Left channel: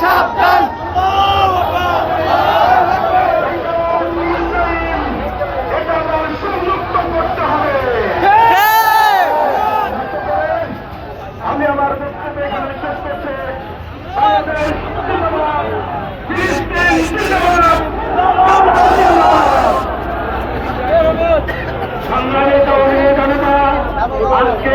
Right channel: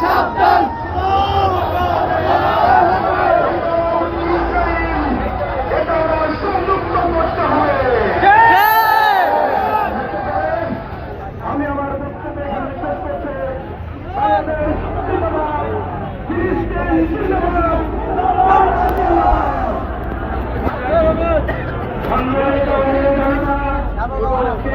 সাবধান আমি আমার জনতা আজকে